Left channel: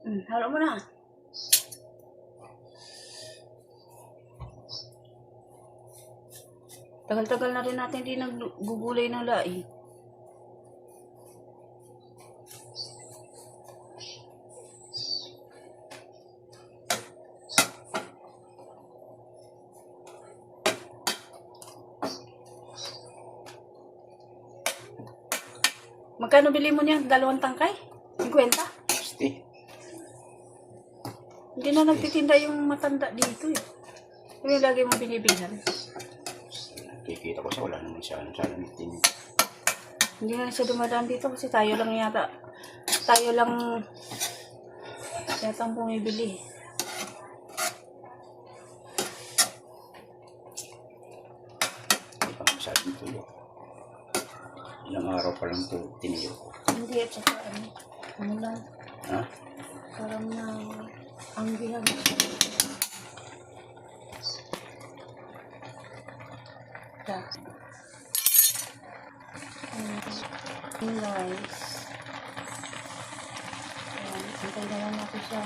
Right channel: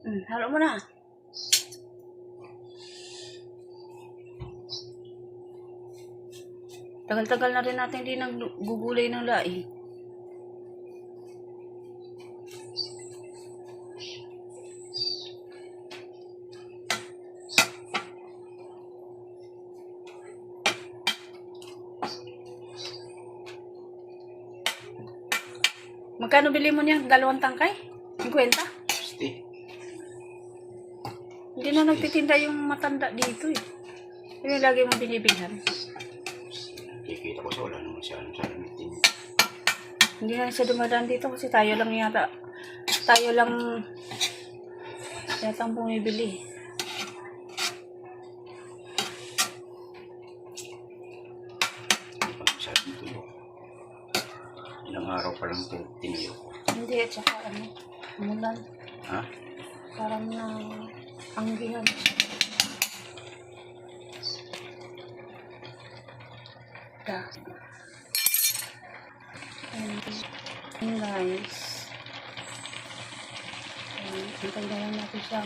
Halo mo na. Tagal-tagal na rin natin hindi naggugulay ng laing. Magkano bili mo niyan? 2 tangkay? 50? 60. Hindi na nagtitinda yung matanda dito eh. Yung lagi mo binibilhan. Kikita ko sa wala naman siya. Sana mitin. Hindi na siya dumadaan dito kasi tayo lang yata. Tayo lang yatang bumibili. Hindi pa masyadong tulo. Ilang araw pa lang tiniyo ko. Hindi, at saka ano lang. Ha? Parang na anggihan. Guys. Hintayin natin siya.